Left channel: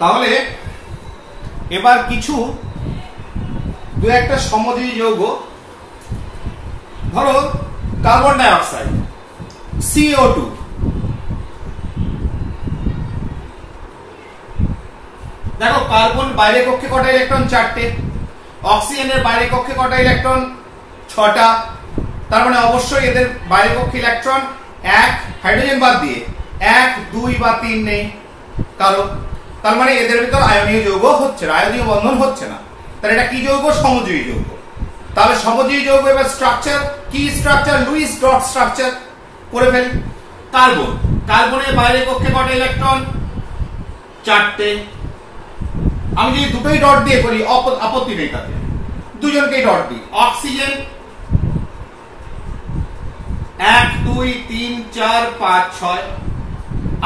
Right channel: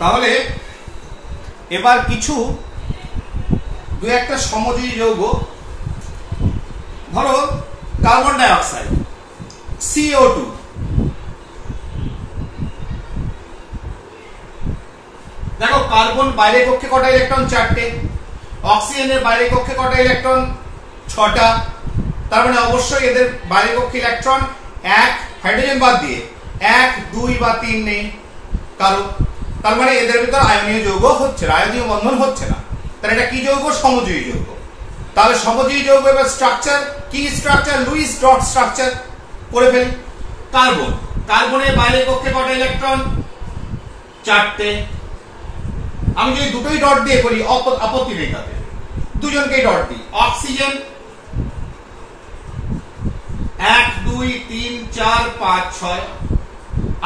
তাহলে এবার কিছু দু একটা সমযোজী যৌগ, ধরো কার্বন ডাই অক্সাইড CO2, দেখো কার্বন বাইরের কক্ষে কটা ইলেকট্রন? 4টে। অক্সিজেনের বাইরের কক্ষে কটা ইলেকট্রন? 6টা। তার মানে অবশ্যই এদের বাইরের কক্ষে ইলেকট্রন 1, হাইড্রোজেন বাদ দিয়ে 1, 2 বা 3 নেই কারো। তার মানে এদের ভিতর আয়নীয় যৌগ হচ্ছে না, আয়নীয় বন্ধন হচ্ছে না। তাহলে এটা কি যৌগ? সমযোজী যৌগ। তাহলে সমযোজী যৌগ এবার স্ট্রাকচার কি? স্ট্রাকচার লুইস ডট স্ট্রাকচার করে ফেলি। কার্বন, কার্বনের বাইরের কক্ষে কটা ইলেকট্রন? 4টে। আমি যদি দুটোই ডট দিয়ে করি আপত্তি নেই, তাতে দুজনকেই ডট দিই। অক্সিজেন 1, 2, 3, 4, 5, 6,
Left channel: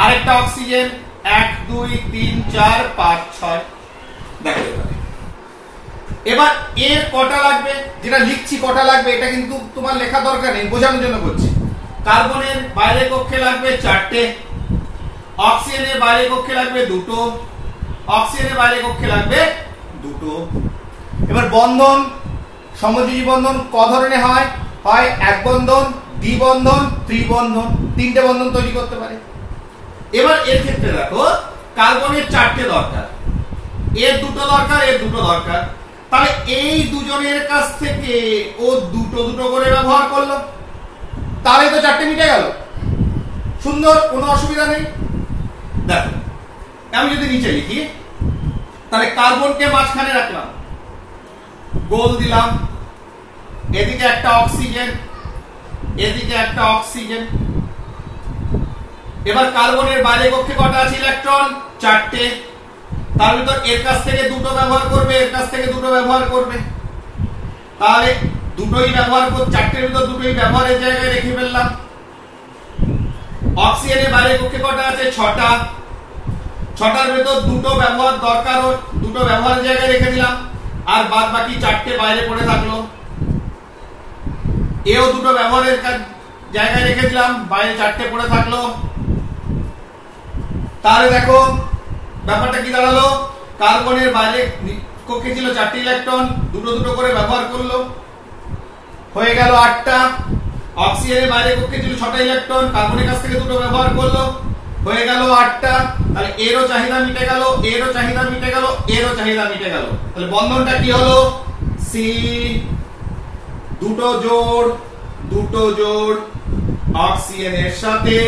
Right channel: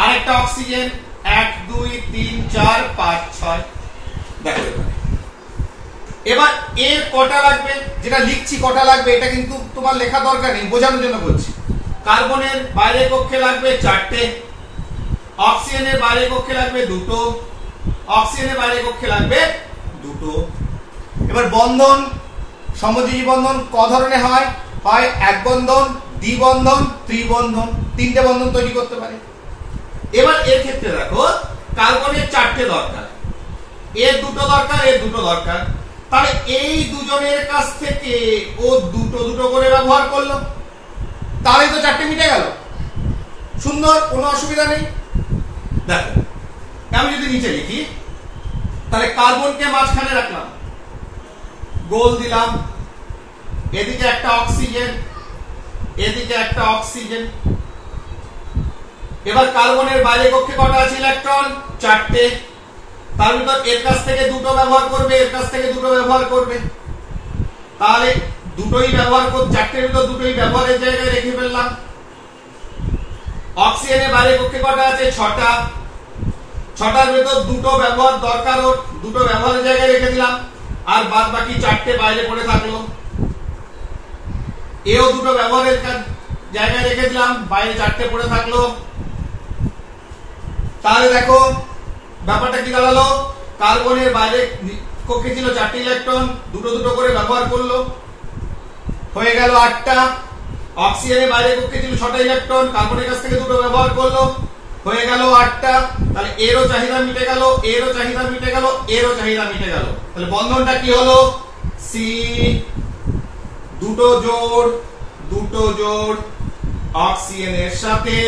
আরেকটা অক্সিজেন 1, 2, 3, 4, 5, 6। দেখো এবার এর কটা লাগবে, যেটা লিখছি কটা লাগবে এটা কিন্তু তোমার লেখা দরকার নেই, বোঝানোর জন্য করছি। কার্বনের বাইরের কক্ষে লাগবে 4টে, অক্সিজেনের বাইরের কক্ষে লাগবে 2টো, অক্সিজেনের বাইরের কক্ষে লাগবে 2টো। এবার বন্ধন, সমযোজী বন্ধন ক ধরনের হয়? হয় এক বন্ধন, দ্বিবন্ধন, ত্রিবন্ধন, 3টে বন্ধন তৈরি করতে পারে। এবার এর ক্ষেত্রে দেখো কার্বনের 4টে দরকার, এর 2টো দরকার, এর 2টো দরকার। তাহলে এই দুজনের কাছ থেকে ও 2টো করে ব্যবহার করলো, তাহলে তো 4টে মিটে গেল। সুন্দর, কোনো অসুবিধা নেই। দেখো আমি যদি নিচে লিখি, তাহলে কার্বনকে মাঝখানে রাখলাম, গোল দিলাম, এদিকে একটা অক্সিজেন, এদিকে একটা অক্সিজেন। এবার কার্বনের বাইরে কক্ষে কটা আছে ইলেকট্রন? 4টে। তার ভিতর এর কাছ থেকে 2টো ব্যবহার করবে, এর কাছ থেকে 2টো ব্যবহার করবে, তাহলে দুটোই ব্যবহার করবে, 4টের ভিতর 2টোই ব্যবহারের জায়গায় রেখে ফেললাম। অক্সিজেনের বাইরে কক্ষে কটা আছে? 6টা। 6টার ভিতর 2টো ব্যবহার দরকার, 2টো ব্যবহারের জায়গায় রেখে দিলাম, আর বাদ বাকি 4টে বাইরে পড়ে থাকলো। এও 2টো ব্যবহারের জায়গায় রেখে দিলাম, বাইরে 4টে পড়ে থাকলো। তাহলে দেখো ব্যাপারটা কি দাঁড়ালো? কার্বনের বাইরে কক্ষে ছিল 4টে ইলেকট্রন, 2টো করে ব্যবহার করলো, হয়ে গেল 8টা। অক্সিজেনের বাইরে কক্ষে ছিল 6টা ইলেকট্রন, কার্বনের কাছ থেকে 2টো ব্যবহার করলো, হয়ে গেল 8টা। তাহলে এরও চাহিদা মিটে গেল, এরও চাহিদা মিটে গেল, এরও চাহিদা মিটে গেল। তাহলে বন্ধনটা কি হলো? সি, 2টো জোড় অক্সিজেনের সাথে।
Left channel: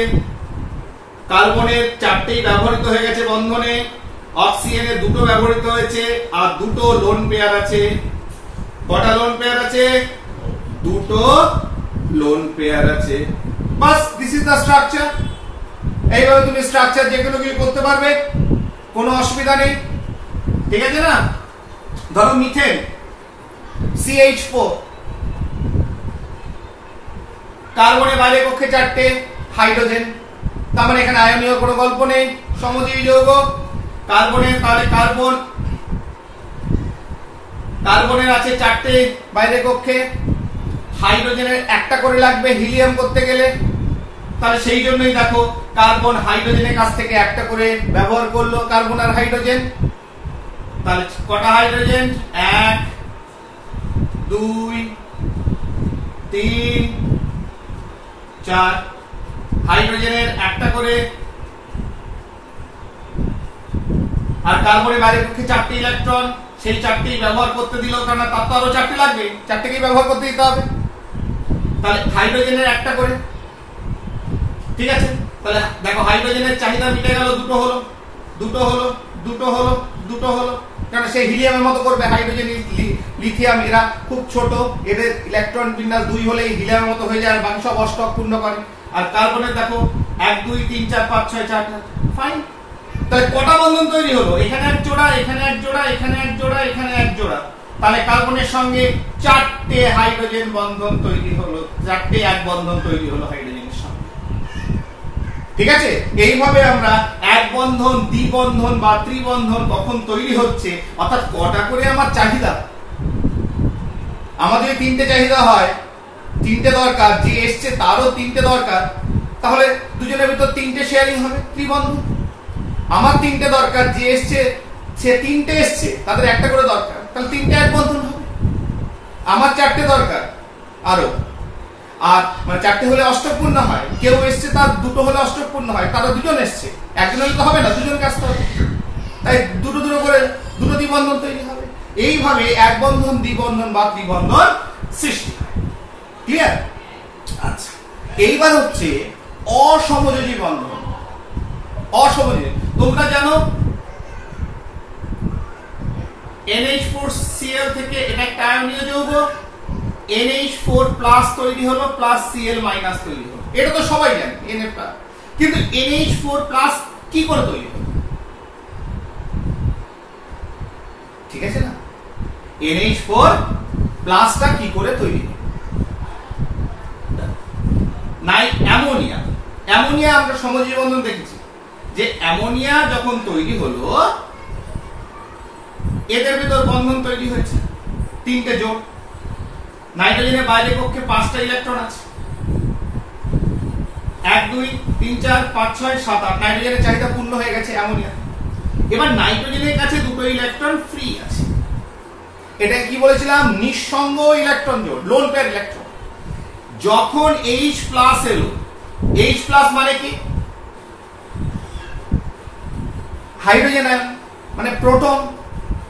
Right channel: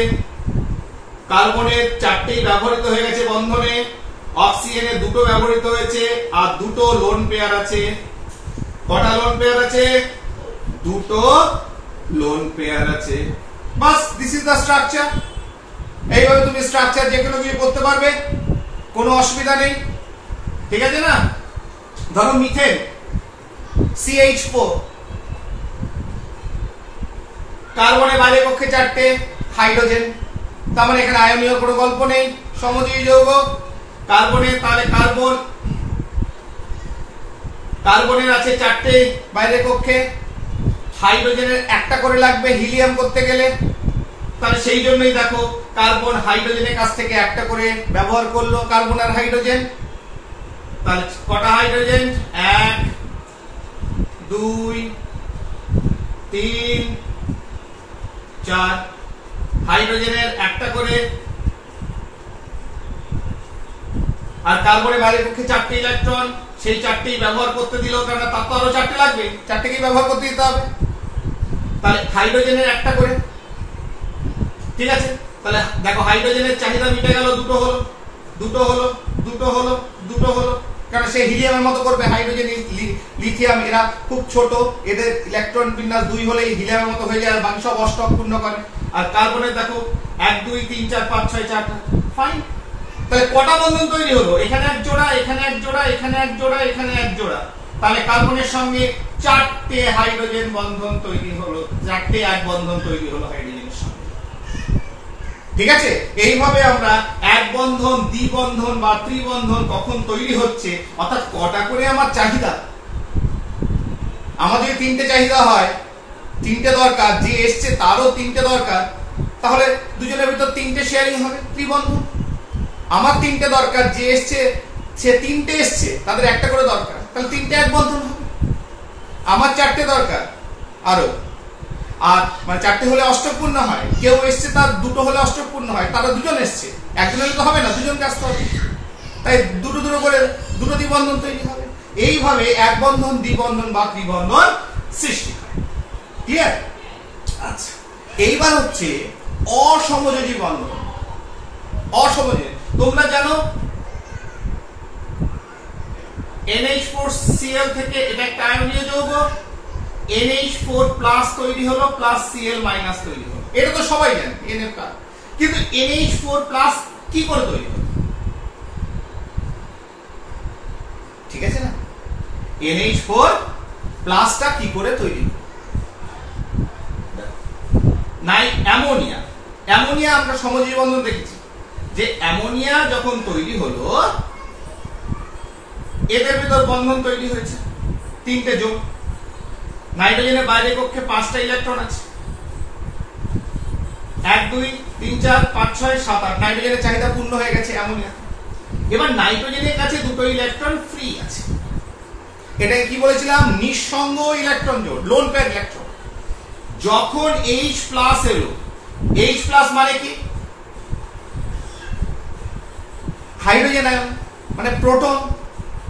কার্বনের 4টেই ব্যবহৃত হয়ে গেছে বন্ধনে, অক্সিজেনের 2টো ব্যবহৃত হয়েছে, আর 2টো লোন পেয়ার আছে। কটা লোন পেয়ার আছে? 2টো লোন পেয়ার আছে। বাস, দিস ইজ দ্য স্ট্রাকচার। এইভাবে তুমি স্ট্রাকচার যে কোনো কিছু করতে পারবে, কোনো অসুবিধা নেই। ঠিক আছে না? ধরো মিথেন CH4, কার্বনের বাইরে কক্ষে 4টে, হাইড্রোজেন, তার মানে এখানে আয়নীয় কোনো গল্প নেই, সমযোজী যৌগ। কার্বনের, তাহলে কার্বনের আছে 4টে বাইরে কক্ষে, হাইড্রোজেনের একটা করে লাগবে হিলিয়াম করতে গেলে, তাহলে সেই জন্যই দেখো কার্বন হাইড্রোজেনের কাছ থেকে একটা করে ব্যবহার করলো, কার্বন আর হাইড্রোজেন। তাহলে কটা হাইড্রোজেন? 1, 2, 3, 4। হাইড্রোজেনের একটা করে, আর কার্বনের বাইরে পক্ষে 4টে ইলেকট্রন, সেই 4টেই ব্যবহার করতে দিল, কারণ তার তো আরো 4টে লাগবে, 4টেকেই ব্যবহার করতে দিতে হবে। তাহলে হাইড্রোজেনের একটা করে, ঠিক আছে। তাহলে দেখো হাইড্রোজেনের চাহিদা মিটে গেল, 2টো হলো, কারণ সে হিলিয়ামের মতো করবে। হাইড্রোজেন, লিথিয়াম এরা খুব ছোট, এদের ইলেকট্রন বিন্যাস 2 হলেই হিলিয়ামের মতো হয়ে যায়, আর বাকি সব অষ্টক পূর্ণ করে। আর কার্বনের দেখো 1, 2, 3, 4, 5, 6, 4টা, ফাইন। তাহলে কটা বন্ধন তৈরি হলো? এখানে এক জোড়া, এখানে এক জোড়া, এখানে এক জোড়া, এখানে এক জোড়া। তাহলে কার্বনের সঙ্গে 4টে হাইড্রোজেন বন্ধন তৈরি হলো, 4টে এক বন্ধন তৈরি হলো হাইড্রোজেনের সঙ্গে। ঠিক আছে? এইভাবে আমরা এক বন্ধন, দ্বিবন্ধন বা ত্রিবন্ধন কখন তৈরি হচ্ছে, অর্থাৎ কটা করে আমার চাহিদা, আমাদের 3টে চাহিদা হয়, 3টে দরকার, যে এসছে তারও 3টে দরকার, তাহলে দুজনের ভিতর 3টে শেয়ারিং হবে, ত্রিবন্ধন। আমার তিনটে দরকার, যে এসছে সে তিনটে এসছে, তাদের একটা করে দরকার, তাহলে তিনটে এক বন্ধন হবে। আমার চারটে দরকার আরো, আর মানে চারটে হলে অষ্টকপূর্ণ হয়, কেউ এসছে তার দুটো হলে অষ্টকপূর্ণ হয়, তারা দুজন এসছে, একজন এলে তো হবে না, দুজন কাজ করবে, তাই দুটো দুটো করে দুটো দ্বিবন্ধন তৈরি হবে। এইভাবে এক বন্ধন, দ্বিবন্ধন বা ত্রিবন্ধন সৃষ্টি হয়। ক্লিয়ার? আচ্ছা, এইবার হচ্ছে অসমযোজী বন্ধন। অসমযোজী, তোমরা জানো NH4Cl থেকে এটা একটা আয়নীয় যৌগ, NH4 প্লাস তৈরি হলো, প্লাস Cl মাইনাস তৈরি হলো, এটা তো সবাই জানে Na+। কিন্তু NH4 প্লাস কি করে তৈরি হলো? ঠিক আছে না? NH4 প্লাসটা কি করে তৈরি হলো? অ্যামোনিয়া। অ্যামোনিয়া আমরা সমযোজী বন্ধন দেখেছি, যে অ্যামোনিয়া যখন তৈরি হলো এদের ভিতর বন্ধন তৈরি হয়েছে তিনটে জোড়। নাইট্রোজেনের বাইরের কক্ষে 5টা ইলেকট্রন আছে, 1 2 3 4 5 6 7 8। নাইট্রোজেনের চাহিদা পূর্ণ হয়ে গেছে অ্যামোনিয়া। এবার নাইট্রোজেনের কাছে দুটো ইলেকট্রন ফ্রি আছে। এটাই কি বলেছিলাম? নিঃসঙ্গ ইলেকট্রন জোড়, লোন পেয়ার ইলেকট্রন। যখন H প্লাস এলো, H প্লাস মানে কি? হাইড্রোজেন আয়ন, মানে প্রোটন,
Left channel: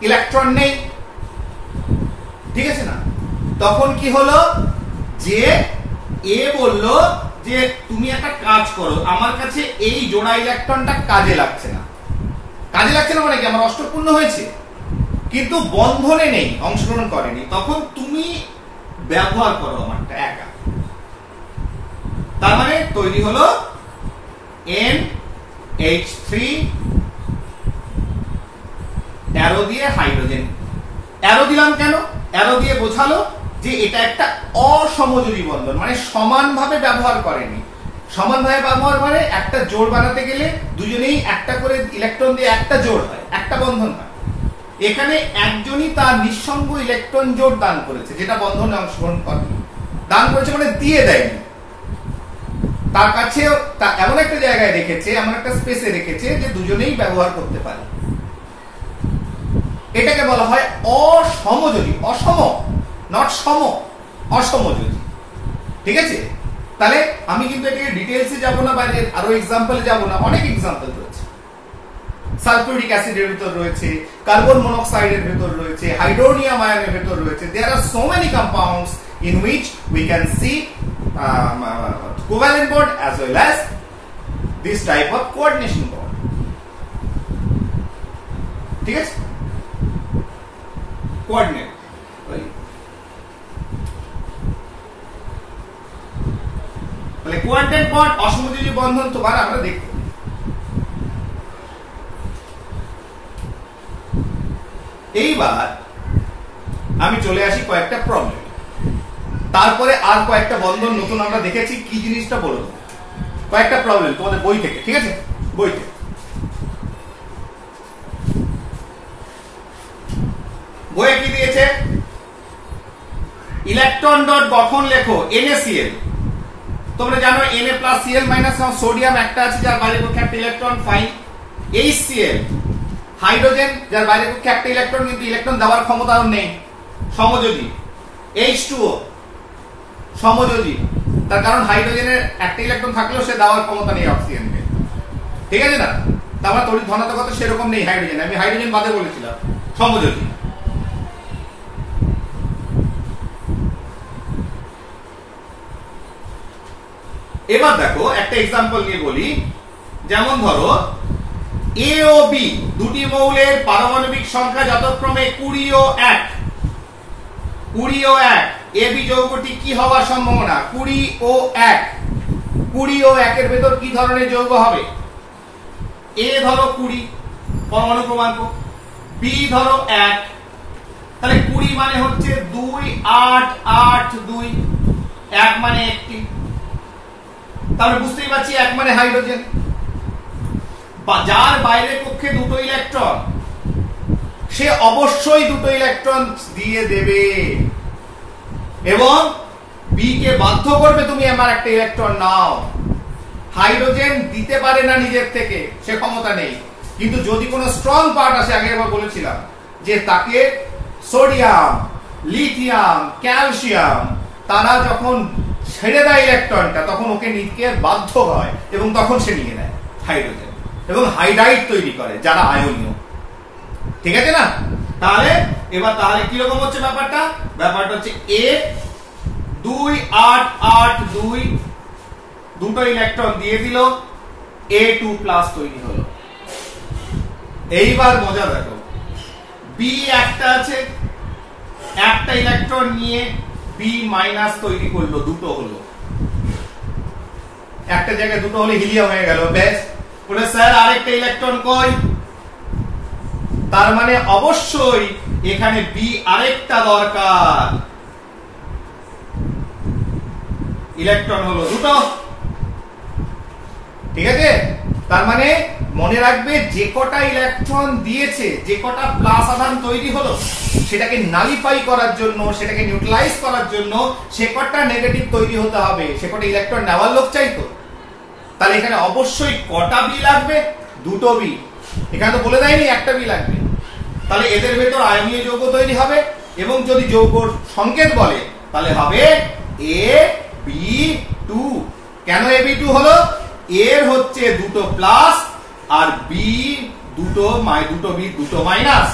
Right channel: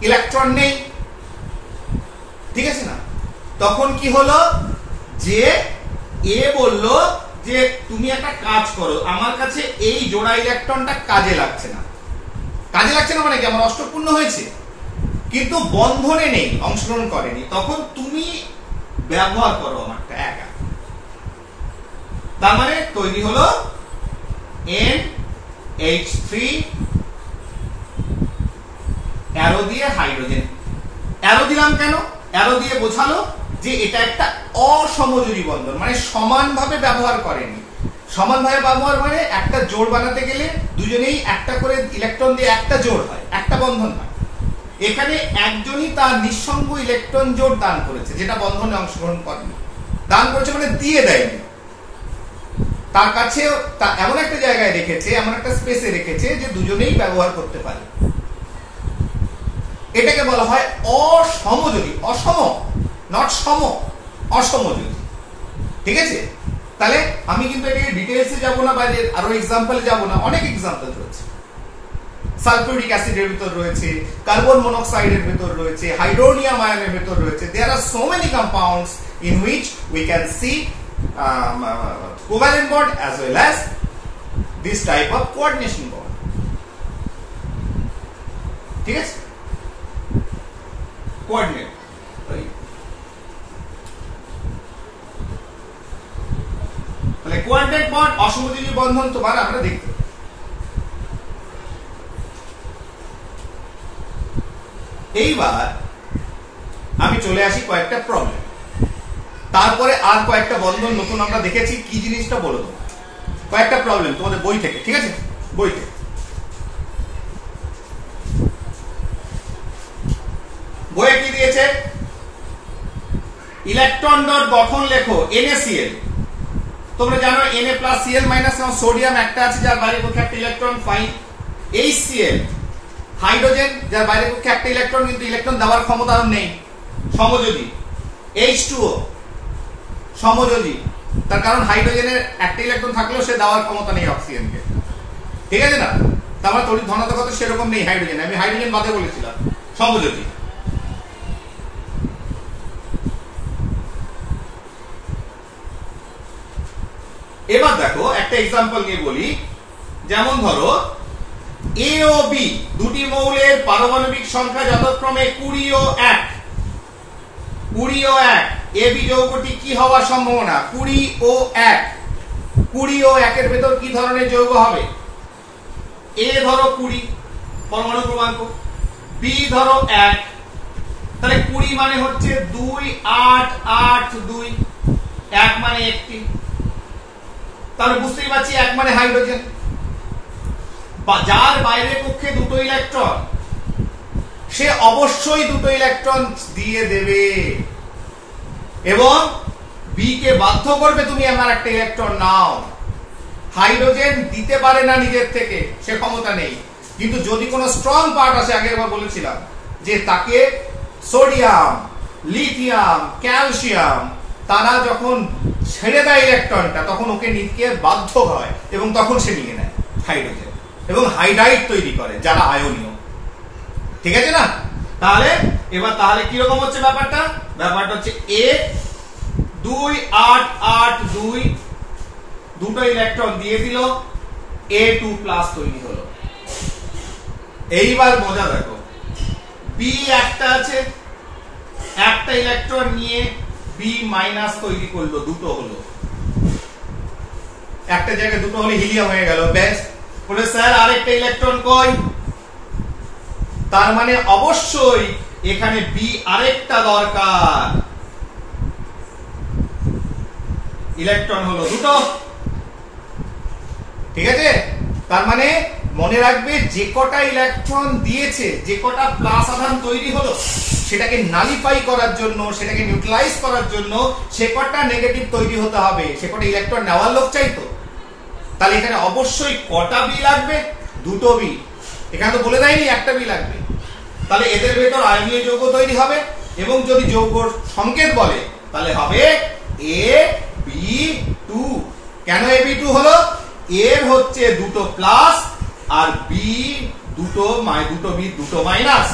ইলেকট্রন নেই, ঠিক আছে না? তখন কি হলো, যে এ বলল যে তুমি একটা কাজ করো, আমার কাছে এই জোড়া ইলেকট্রনটা কাজে লাগছে না। কাজে লাগছে না মানে কি? আমার অষ্টকপূর্ণ হয়েছে কিন্তু বন্ধনে নেই, অংশগ্রহণ করেনি, তখন তুমি ব্যবহার করো আমারটা একা। তার মানে তৈরি হলো NH3 অ্যারো দিয়ে হাইড্রোজেন। অ্যারো দিলাম কেন? অ্যারো দিয়ে বোঝালো যে এটা একটা অসমযোজী বন্ধন, মানে সমানভাবে ব্যবহার করেনি। সমানভাবে ব্যবহার মানে একটা জোড় বানাতে গেলে দুজনেই একটা করে ইলেকট্রন দিয়ে একটা জোড় হয়, একটা বন্ধন হয়। এখানে একজনই তার নিঃসঙ্গ ইলেকট্রন জোড় দান করেছে, যেটা বন্ধনে অংশগ্রহণ করেনি। দান করেছে মানে দিয়ে দেয়নি, তার কাছে এমন একটা জায়গায় রেখেছে, এমন একটা স্পেসে রেখেছে যে দুজনেই ব্যবহার করতে পারে। এটাকে বলা হয় অসমযোজী। অসম, নট সম, অসমযোজী। ঠিক আছে? তাহলে আমি কিন্তু এটাকে ডিটেইলসে যাব না, বাইরে আরো এক্সাম্পলে যাব না, অনেক এক্সাম্পল রয়েছে। সালফিউরিক অ্যাসিডের ভিতর রয়েছে, কার্বন মনোক্সাইডের ভিতর রয়েছে, হাইড্রোনিয়াম আয়নের ভিতর রয়েছে। There are so many compounds in which we can see covalent bond as well as this type of coordination bond. ঠিক আছে? কোঅর্ডিনেট, তাহলে কোঅর্ডিনেট বন্ড, অসমযোজী বন্ধন তোমার আমরা দেখতে। এইবার আমি চলে আসি কয়েকটা প্রবলেম, তারপরে আর কয়েকটা বন্ধন নতুন আমরা দেখেছি, কি জিনিসটা বলবো। কয়েকটা প্রবলেম তোমাদের বই থেকে, ঠিক আছে? বই থেকে বইয়ে কি দিয়েছে? ইলেকট্রন ডট গঠন লেখো NaCl। তোমরা জানো Na plus Cl minus, sodium একটা আছে যার বাইরে কক্ষে একটা ইলেকট্রন, ফাইন। HCl হাইড্রোজেন যার বাইরে কক্ষে একটা ইলেকট্রন, কিন্তু ইলেকট্রন দেওয়ার ক্ষমতা আর নেই, সমযোজী। H2O সমযোজী, তার কারণ হাইড্রোজেনের একটা ইলেকট্রন থাকলেও সে দেওয়ার ক্ষমতা নেই অক্সিজেনকে, ঠিক আছে না? তার মানে তড়িৎ ধনাত্মকতা সেরকম নেই হাইড্রোজেন, আমি হাইড্রোজেন বাদে বলেছিলাম, সমযোজী। এবার দেখো একটা এক্সাম্পল নিয়ে বলি, যেমন ধরো A ও B দুটি মৌলের পারমাণবিক সংখ্যা যথাক্রমে 20 ও 1। 20 ও 1, AB যৌগটি কি হওয়ার সম্ভাবনা? 20 ও 1। 20 ও 1 এর ভেতর কি ধরনের যৌগ হবে? A ধরো 20 পরমাণু ক্রমাঙ্ক, B ধরো 1, তাহলে 20 মানে হচ্ছে 2 8 8 2, 1 মানে একটি। তাহলে বুঝতেই পারছি 1 মানে হাইড্রোজেন, যার বাইরের কক্ষে দুটো ইলেকট্রন, সে অবশ্যই দুটো ইলেকট্রন দিয়ে দেবে এবং বি কে বাধ্য করবে তুমি আমার একটা ইলেকট্রন নাও। হাইড্রোজেন দিতে পারে না নিজের থেকে, সে ক্ষমতা নেই, কিন্তু যদি কোনো স্ট্রং পার্ট আসে, আগে একবার বলেছিলাম যে তাকে সোডিয়াম, লিথিয়াম, ক্যালসিয়াম তারা যখন ছেড়ে দেয় ইলেকট্রনটা, তখন ওকে নিতে বাধ্য হয় এবং তখন সে নিয়ে নেয় হাইড্রোজেন এবং হাইড্রাইড তৈরি করে, যারা আয়নীয়। ঠিক আছে না? তাহলে এবার তাহলে কিরকম হচ্ছে ব্যাপারটা? ব্যাপারটা হচ্ছে এ 2 8 8 2 দুটো ইলেকট্রন দিয়ে দিল, A2+ তৈরি হলো। এইবার মজা দেখো, বি একটা আছে, একটা ইলেকট্রন নিয়ে B- তৈরি করলো, দুটো হলো, একটা জায়গায় দুটো হলে হিলিয়াম হয়ে গেল। বেশ, বলে স্যার আরেকটা ইলেকট্রন কই? তার মানে অবশ্যই এখানে বি আরেকটা দরকার, ইলেকট্রন হলো দুটো। ঠিক আছে? তার মানে মনে রাখবে, যে কটা ইলেকট্রন দিয়েছে, যে কটা প্লাস আধান তৈরি হলো, সেটাকে নালিফাই করার জন্য, সেটাকে নিউট্রালাইজ করার জন্য সে কটা নেগেটিভ তৈরি হতে হবে, সে কটা ইলেকট্রন নেওয়ার লোক চাইতো। তাহলে এখানে অবশ্যই কটা বি লাগবে? দুটো বি। এখানে তো বলে দেয়নি একটা বি লাগবে। তাহলে এদের ভেতর আয়নীয় যৌগ তৈরি হবে, এবং যদি যৌগর সংকেত বলে তাহলে হবে AB2। কেন AB2 হলো? এর হচ্ছে দুটো প্লাস আর বি দুটো বি দুটো মাইনাস।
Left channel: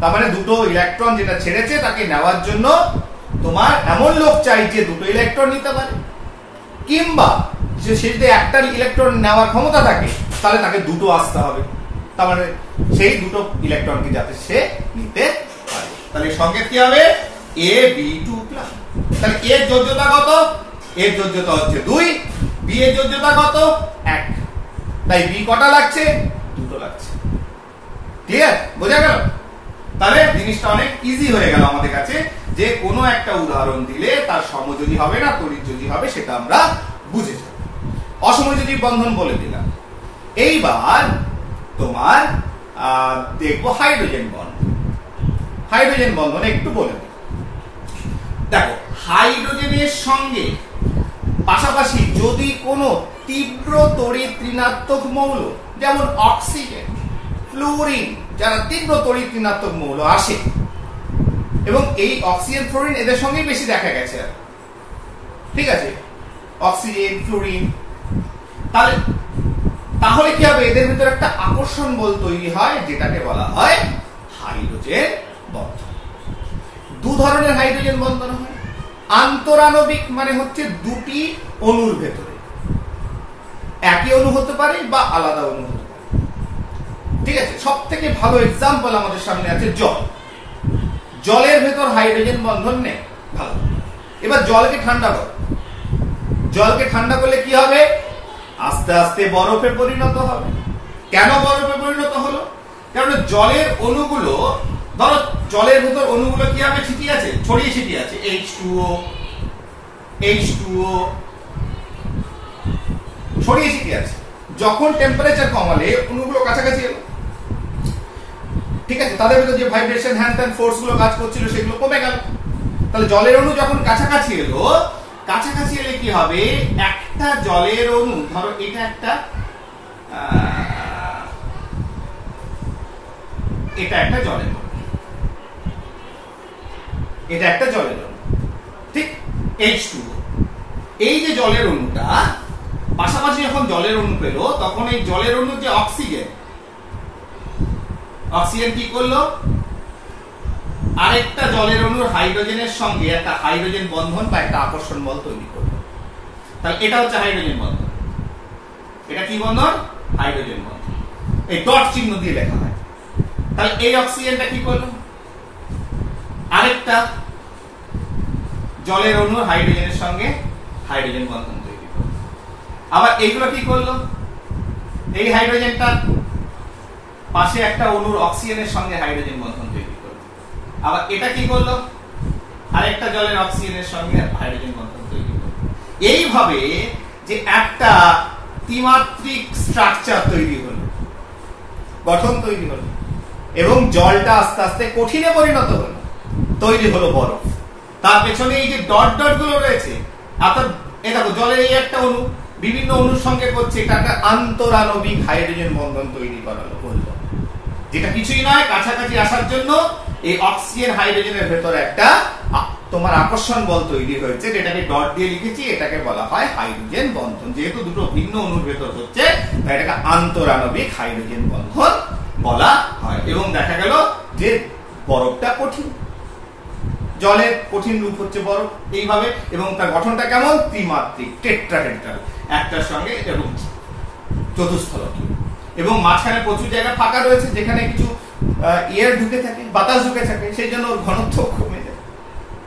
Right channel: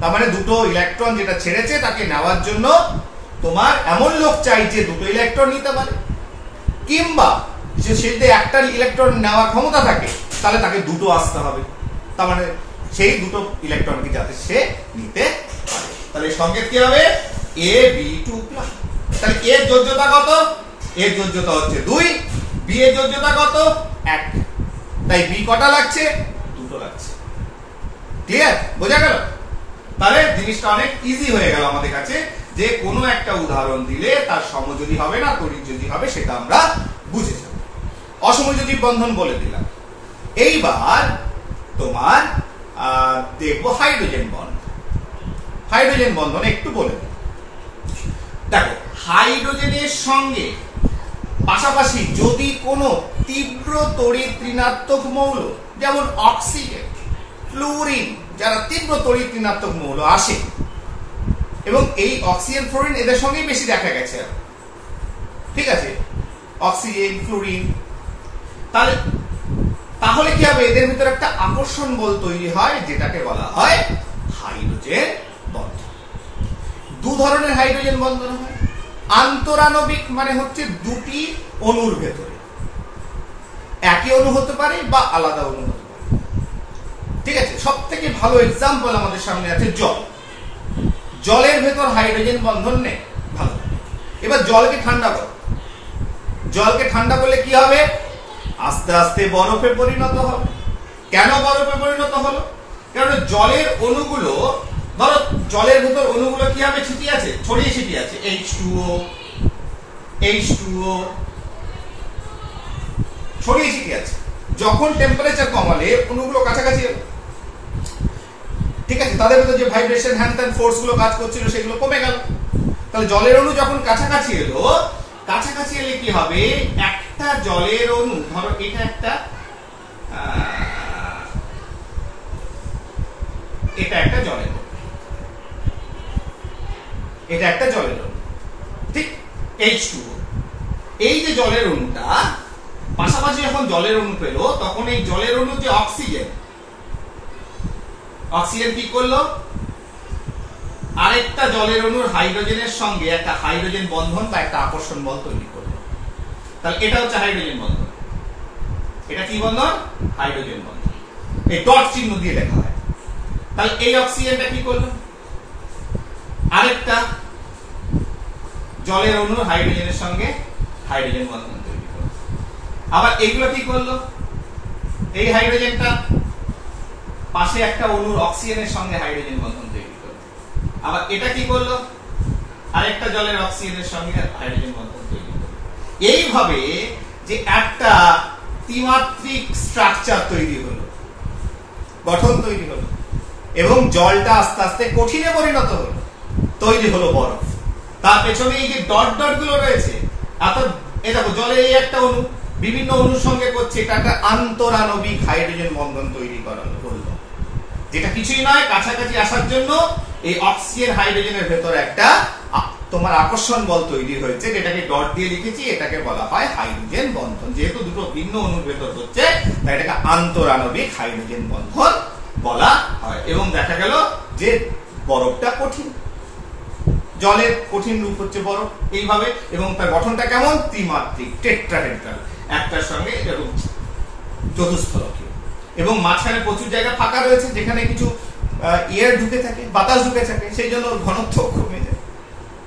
তার মানে দুটো ইলেকট্রন যেটা ছেড়েছে তাকে নেওয়ার জন্য তোমার এমন লোক চাই যে দুটো ইলেকট্রন নিতে পারে, কিংবা সে যদি একটা ইলেকট্রন নেওয়ার ক্ষমতা থাকে তাহলে তাকে দুটো আসতে হবে। তার মানে সেই দুটো ইলেকট্রনকে যাতে সে নিতে পারে। তাহলে সংকেত কি হবে? AB2+। তাহলে এর যোজ্যতা কত? এর যোজ্যতা হচ্ছে 2, বি এর যোজ্যতা কত? 1। তাই বি কটা লাগছে? দুটো লাগছে। ক্লিয়ার? বোঝা গেল? তাহলে জিনিসটা অনেক ইজি হয়ে গেল আমাদের কাছে, যে কোনো একটা উদাহরণ দিলে তার সমযোজী হবে না তড়িৎযোজী হবে, সেটা আমরা বুঝে যাব। অসমযোজী বন্ধন বলে দিলাম। এইবার তোমার দেখবো হাইড্রোজেন বন্ধন। হাইড্রোজেন বন্ধন একটু বলে দিই। দেখো, হাইড্রোজেনের সঙ্গে পাশাপাশি যদি কোনো তীব্র তড়িৎ ঋণাত্মক মৌল, যেমন অক্সিজেন, ফ্লুরিন, যারা তীব্র তড়িৎ ঋণাত্মক মৌল আসে, এবং এই অক্সিজেন, ফ্লুরিন এদের সঙ্গেই বেশি দেখা গেছে, ঠিক আছে, অক্সিজেন, ফ্লুরিন, তাহলে কি হবে? এদের ভিতরে একটা আকর্ষণ বল তৈরি হয়, যেটাকে বলা হয় হাইড্রোজেন বন্ধন। দু ধরনের হাইড্রোজেন বন্ধন হয়। আন্তরাণবিক মানে হচ্ছে দুটি অণুর ভেতরে, একই অণু হতে পারে বা আলাদা অণু হতে পারে। ঠিক আছে? সব থেকে ভালো এক্সাম্পল আমাদের সামনে আছে জল। জলের ভেতর হাইড্রোজেন বন্ধন নেই, ভালো। এবার জলকে ঠান্ডা করো। জলকে ঠান্ডা করলে কি হবে? আস্তে আস্তে বরফে পরিণত হবে। কেন বরফে পরিণত হলো? কারণ জলের অণুগুলো, ধরো জলের ভেতর অণুগুলো কি হবে? ছিটিয়ে আছে, ছড়িয়ে ছিটিয়ে আছে, H2O, H2O ছড়িয়ে ছিটিয়ে আছে। যখন টেম্পারেচার কমালে অণুগুলো কাছাকাছি এলো, ঠিক আছে, তাদের ভেতর যে ভাইব্রেশন, হ্যান্ড ফোর্স গুলো কাজ করছিল সেগুলো কমে গেল। তাহলে জলের অণু যখন কাছাকাছি এলো, কাছাকাছি এলে কি হবে? একটা জলের অণু, ধরো এটা একটা জলের অণু, এটা একটা জলের অণু, ঠিক, H2O। এই যে জলের অণুটা পাশাপাশি যখন জলের অণু পেল, তখন এই জলের অণু যে অক্সিজেন কি করলো? আরেকটা জলের অণুর হাইড্রোজেনের সঙ্গে একটা হাইড্রোজেন বন্ধন বা একটা আকর্ষণ বল তৈরি করলো। তাহলে এটা হচ্ছে হাইড্রোজেন বন্ধন। এটা কি বন্ধন? হাইড্রোজেন বন্ধন। এই ডট চিহ্ন দিয়ে লেখা হয়। তাহলে এই অক্সিজেনটা কি করলো? আরেকটা জলের অণুর হাইড্রোজেনের সঙ্গে হাইড্রোজেন বন্ধন তৈরি করলো। আবার এইগুলো কি করলো? এই হাইড্রোজেনটা পাশে একটা অণুর অক্সিজেনের সঙ্গে হাইড্রোজেন বন্ধন তৈরি করলো। আবার এটা কি করলো? আরেকটা জলের অক্সিজেনের সঙ্গে হাইড্রোজেন বন্ধন তৈরি করলো। এইভাবে যে একটা ত্রিমাত্রিক স্ট্রাকচার তৈরি হলো, গঠন তৈরি হলো, এবং জলটা আস্তে আস্তে কঠিনে পরিণত হলো, তৈরি হলো বরফ। তার পেছনে এই যে ডট ডট গুলো রয়েছে, অর্থাৎ এই দেখো জলের এই একটা অণু, বিভিন্ন অণুর সঙ্গে করছে, এটা একটা আন্তরাণবিক হাইড্রোজেন বন্ধন তৈরি করলো, যেটা কিছুই নয়, কাছাকাছি আসার জন্য এই অক্সিজেন হাইড্রোজেনের ভেতরে একটা তোমার আকর্ষণ বল তৈরি হয়েছে, যেটাকে ডট দিয়ে লিখেছি, এটাকে বলা হয় হাইড্রোজেন বন্ধন। যেহেতু দুটো ভিন্ন অণুর ভেতর হচ্ছে, তাই এটাকে আন্তরাণবিক হাইড্রোজেন বন্ধন বলা হয়। এবং দেখা গেল যে বরফটা কঠিন, জলের কঠিন রূপ হচ্ছে বরফ এইভাবে, এবং তার গঠনটা কেমন, ত্রিমাত্রিক, টেট্রাহেড্রাল, একটার সঙ্গে এরকম চতুস্থলকীয়, এবং মাঝখানে প্রচুর জায়গা ফাঁকা রয়েছে যেখানে কিছু এয়ার ঢুকে থাকে, বাতাস ঢুকে থাকে, সেই জন্য ওর ঘনত্ব কমে যায়,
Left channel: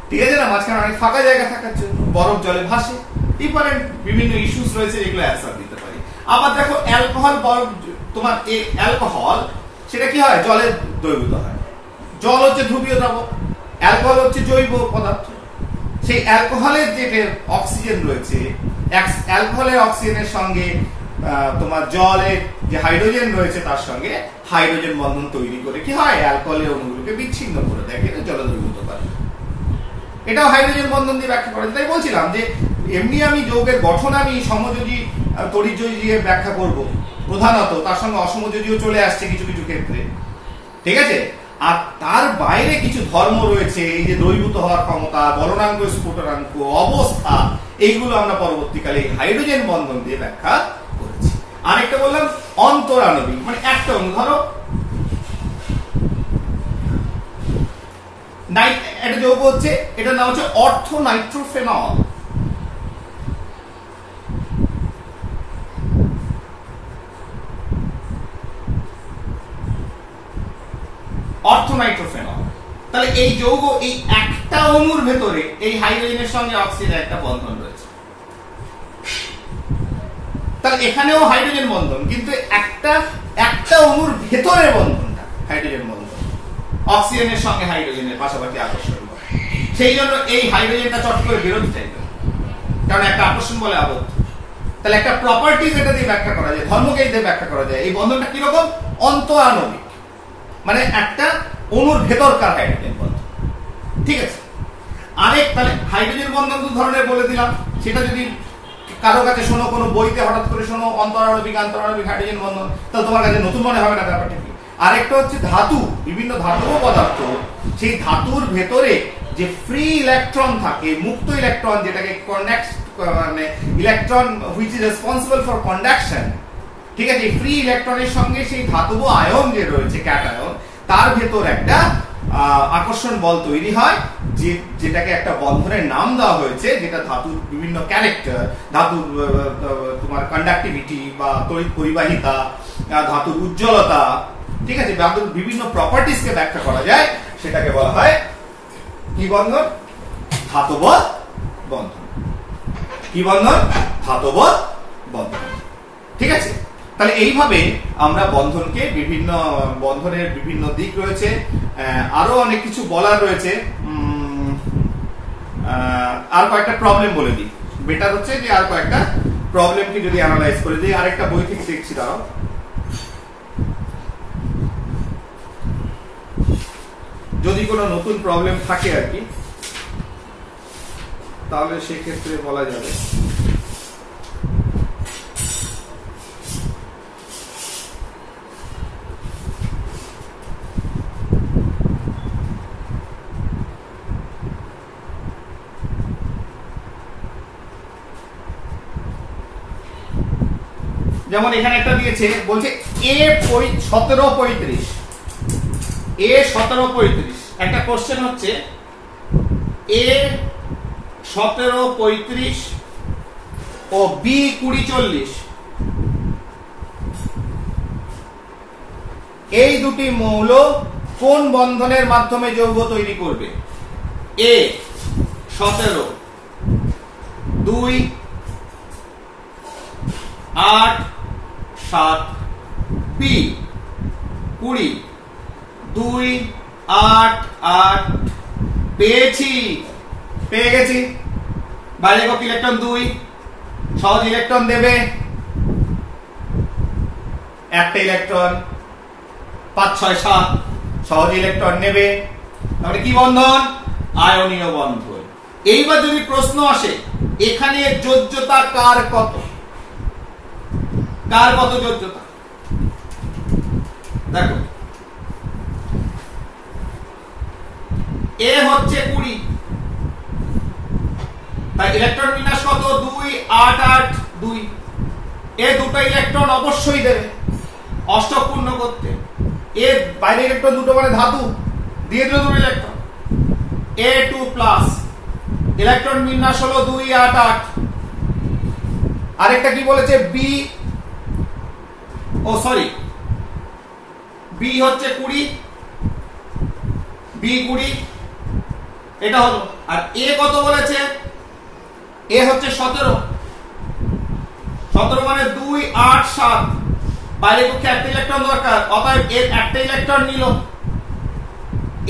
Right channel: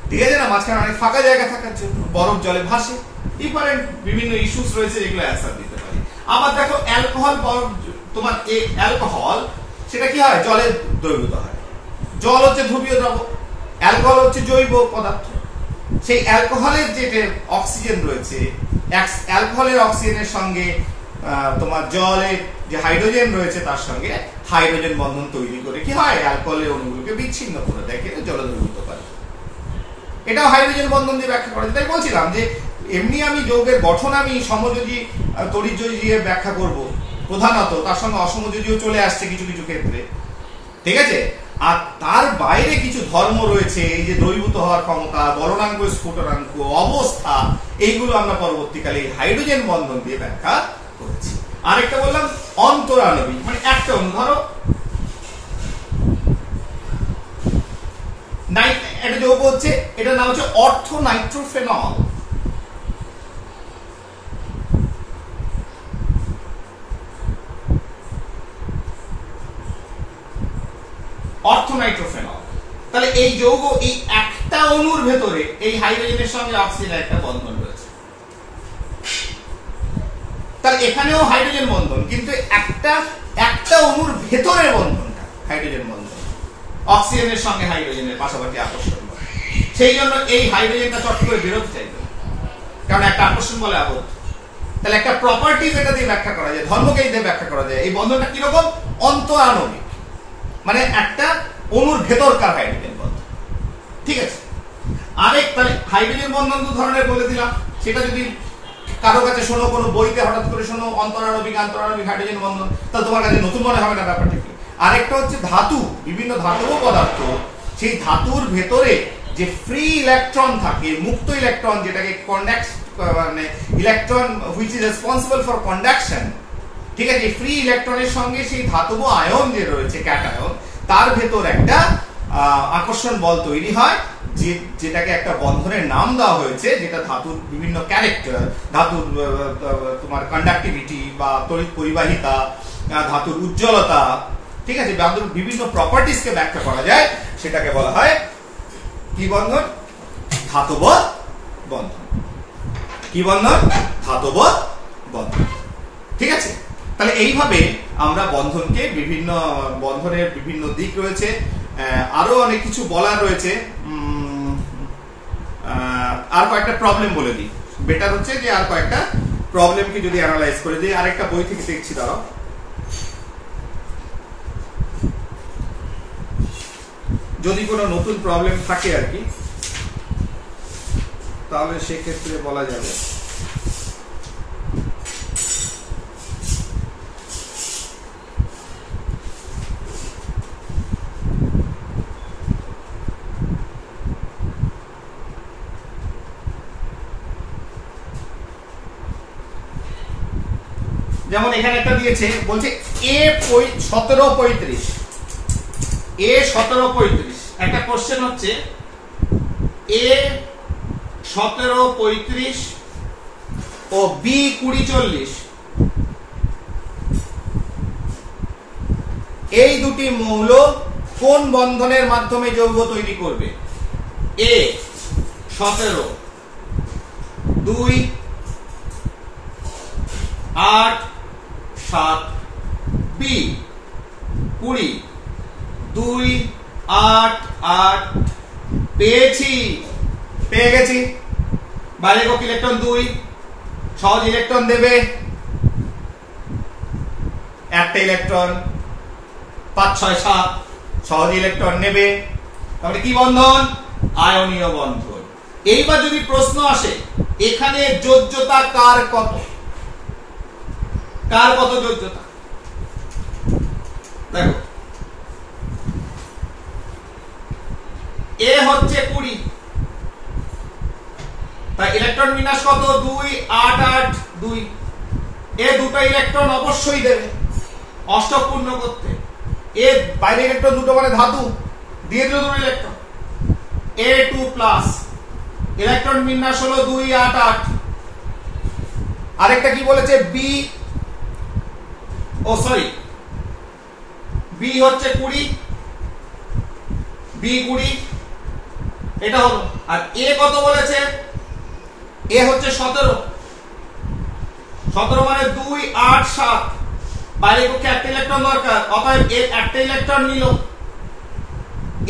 ঠিক আছে না, মাঝখানে অনেক ফাঁকা জায়গা থাকার জন্য বরফ জলে ভাসে। ডিফারেন্ট বিভিন্ন ইস্যুস রয়েছে যেগুলো অ্যান্সার দিতে পারি। আবার দেখো অ্যালকোহল, বরফ, তোমার এই অ্যালকোহল সেটা কি হয়, জলে দ্রবীভূত হয়। জল হচ্ছে ধ্রুবীয় দ্রবক, অ্যালকোহল হচ্ছে জৈব পদার্থ। সেই অ্যালকোহলের যে অক্সিজেন রয়েছে, অ্যালকোহলের অক্সিজেনের সঙ্গে তোমার জলের যে হাইড্রোজেন রয়েছে তার সঙ্গে হাইড্রোজেন বন্ধন তৈরি করে কি হয়, অ্যালকোহলের অণুগুলোকে বিচ্ছিন্ন করে দেয়, কিন্তু জলে দ্রবীভূত করে। এটাও হাইড্রোজেন বন্ধন দিয়ে ব্যাখ্যা করা যায়। তাই বলছিলাম যে এমনি আমি যৌগের গঠন আমি সমযোজী তড়িৎযোজী দিয়ে ব্যাখ্যা করব প্রধানত, তার সঙ্গে অসমযোজীও চলে আসছে কিছু কিছু ক্ষেত্রে, ঠিক আছে। আর তার বাইরে কিছু ধর্ম রয়েছে, এই যে দ্রবীভূত হওয়ার ক্ষমতা, বলনাঙ্ক, স্ফুটনাঙ্ক, অবস্থা, এইগুলো আমরা পরবর্তীকালে হাইড্রোজেন বন্ধন দিয়ে ব্যাখ্যা করেছি। আরেকটা বললাম অন্তরাণবিক, মানে একটা অণু, ধরো একটা যৌগ হচ্ছে, এটার নাম হচ্ছে অর্থো নাইট্রোফেনল। অর্থোনাইট্রোফেনল। তাহলে এই যৌগ, এই একটা অণুর ভেতরে এই হাইড্রোজেনের সঙ্গে অক্সিজেনের একটা বন্ধন রয়েছে, তাহলে এখানেও হাইড্রোজেন বন্ধন, কিন্তু একটা অণুর ভেতরের বন্ধনটা হাইড্রোজেন বন্ধন, অক্সিজেনের সঙ্গে হাইড্রোজেনের পাশাপাশি আকর্ষণ বল। সেই জন্য এই হাইড্রোজেনটা চট করে বেরোতে চাইবে, কারণ একটা আকর্ষণ বলে আবদ্ধ। তাহলে একটা প্রপার্টিজ এটা দিয়ে ব্যাখ্যা করা যায়, ধর্মকে দিয়ে ব্যাখ্যা করা যায়। এই বন্ধনটা কিরকম, অন্তরাণবিক, মানে একটা অণুর ভেতরকার হাইড্রোজেন বন্ধন, ঠিক আছে। আরেক, তাহলে হাইড্রোজেন বন্ধন দু ধরনের বলে দিলাম, সেটা যদি কারো কাছে শোনো, কোনো বইতে হঠাৎ করে শোনো অন্তরাণবিক, আন্তরাণবিক হাইড্রোজেন বন্ধন, তাহলে তোমার কাছে নতুন মনে হবে না ব্যাপারটা কি। আরেকটা হচ্ছে ধাতু, বিভিন্ন ধাতু ও পদার্থ, সেই ধাতুর ভেতরে যে ফ্রি ইলেকট্রন থাকে, মুক্ত ইলেকট্রন, যেটাকে মানে electron which is responsible for conduction, ঠিক আছে। ফ্রি ইলেকট্রনের সঙ্গে সেই ধাতব আয়ন যে রয়েছে, ক্যাটায়ন, তার ভেতর একটা আকর্ষণ বল তৈরি হয়, যেটাকে একটা বন্ধনের নাম দেওয়া হয়েছে, যেটা ধাতুর বিভিন্ন ক্যারেক্টার, ধাতুর তোমার কন্ডাক্টিভিটি বা তড়িৎ পরিবাহিতা, ধাতুর উজ্জ্বলতা, ঠিক আছে, ধাতুর বিভিন্ন প্রপার্টিজ কে ব্যাখ্যা করা যায়, সেটাকে বলা হয় কি বন্ধন, ধাতব বন্ধন। কি বন্ধন, ধাতব বন্ধন, ঠিক আছে। তাহলে এইভাবে আমরা বন্ধনকে, বিভিন্ন বন্ধনের বিভিন্ন দিক রয়েছে, আরো অনেক কিছু বলার রয়েছে। আর কয়েকটা প্রবলেম বলে দিই, বেটার হচ্ছে যে আর কয়েকটা প্রবলেমকে যদি অ্যানালাইজ করে দিই। আরেকটা বই থেকে দেখছি, দাঁড়াও, যদি কোনো নতুন প্রবলেম থাকে আর কি, তাহলে সেক্ষেত্রে বলা যাবে। যেমন এখানে একটা দিয়েছে, বলছে A1735, A1735, একটা কোশ্চেন হচ্ছে A1735 ও B2040, এই দুটি মৌল কোন বন্ধনের মাধ্যমে যৌগ তৈরি করবে। A17 2 8 7, B20 2 8 8, পেয়ে গেছি। বাইরে একক ইলেকট্রন 2, সহজ ইলেকট্রন দেবে একটা ইলেকট্রন, 5 6 7 সহজ ইলেকট্রন নেবে, তাহলে কি বন্ধন, আয়নীয় বন্ধন। এইবার যদি প্রশ্ন আসে এখানে যোজ্যতা কার কত, কার কত যোজ্যতা দেখো এ হচ্ছে 20 তাই ইলেকট্রন বিন্যাস কত 2 8 8 2 এ দুটো ইলেকট্রন অবশ্যই দেবে অষ্টক পূর্ণ করতে এর বাইরে ইলেকট্রন দুটো মানে ধাতু দিয়ে দিল দুটো ইলেকট্রন A2 প্লাস ইলেকট্রন বিন্যাস হলো 2 8 8 আরেকটা কি বলেছে বি ও সরি বি হচ্ছে 20 বি 20 এটা হলো আর এ কত বলেছে এ হচ্ছে 17 17 মানে 2 8 7 বাইরে পক্ষে একটা ইলেকট্রন দরকার অতএব এর একটা ইলেকট্রন নিল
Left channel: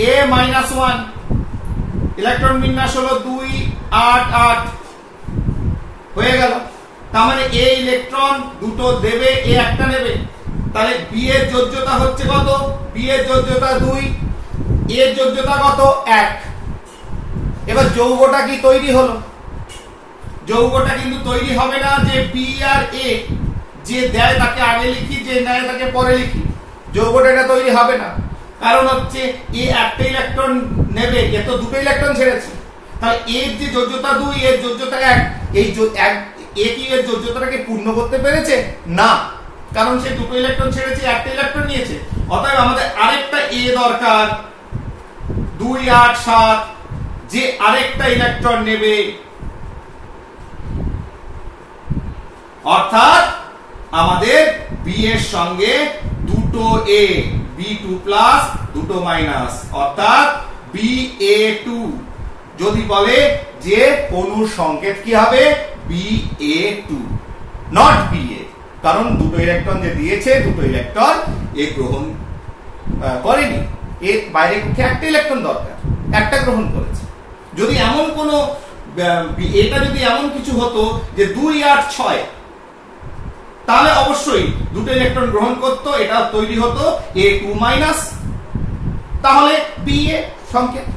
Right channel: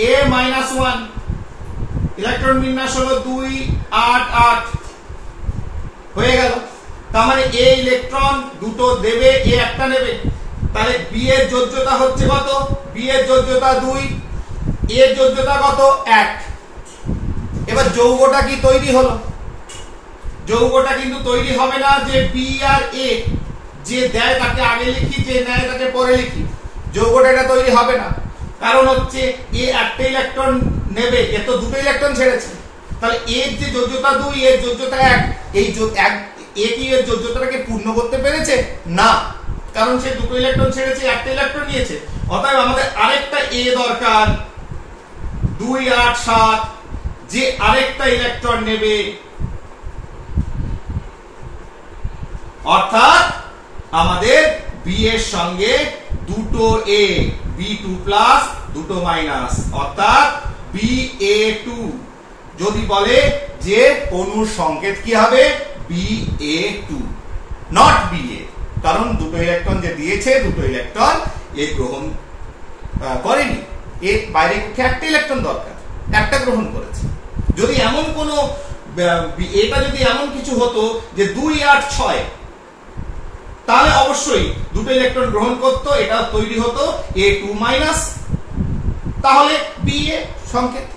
a -1 ইলেকট্রন বিন্যাস হলো 2 8 8 হয়ে গেল তার মানে a ইলেকট্রন দুটো দেবে a একটা নেবে তাহলে b এর যোজ্যতা হচ্ছে কত b এর যোজ্যতা 2 a এর যোজ্যতা কত 1 এবার যৌগটা কি তৈরি হলো যৌগটা কিন্তু তৈরি হবে না যে b আর a যে দেয় তাকে আগে লিখি যে নেয় তাকে পরে লিখি যৌগটা এটা তৈরি হবে না কারণ হচ্ছে এ একটা ইলেকট্রন নেবে এ তো দুটো ইলেকট্রন ছেড়েছে তাহলে এর যে যোজ্যতা 2 এর যোজ্যতা 1 এই এ কি এর যোজ্যতাটাকে পূর্ণ করতে পেরেছে না কারণ সে দুটো ইলেকট্রন ছেড়েছে একটা ইলেকট্রন নিয়েছে অতএব আমাদের আরেকটা এ দরকার 2 8 7 যে আরেকটা ইলেকট্রন নেবে অর্থাৎ আমাদের বি এর সঙ্গে দুটো এ B2 প্লাস দুটো মাইনাস অর্থাৎ BA2 যদি বলে যে অণুর সংকেত কি হবে BA2 নট BA কারণ দুটো ইলেকট্রন যে দিয়েছে দুটো ইলেকট্রন এ গ্রহণ করেনি এর বাইরে পক্ষে একটা ইলেকট্রন দরকার একটা গ্রহণ করেছে যদি এমন কোনো এটা যদি এমন কিছু হতো যে 2 8 6 তাহলে অবশ্যই দুটো ইলেকট্রন গ্রহণ করত এটা তৈরি হতো A2 মাইনাস তাহলে BA সংকেত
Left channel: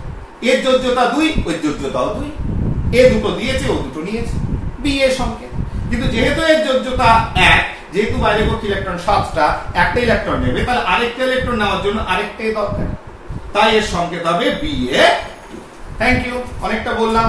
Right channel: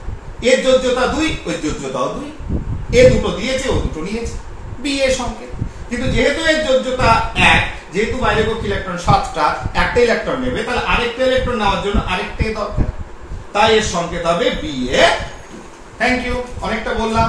এর যোজ্যতা 2 ওই যোজ্যতাও 2 এ দুটো দিয়েছে ও দুটো নিয়েছে BA সংকেত কিন্তু যেহেতু এর যোজ্যতা 1 যেহেতু বাইরে কক্ষে ইলেকট্রন 7টা একটা ইলেকট্রন নেবে তাহলে আরেকটা ইলেকট্রন নেওয়ার জন্য আরেকটাই দরকার তাই এর সংকেত হবে BA2 থ্যাংক ইউ অনেকটা বললাম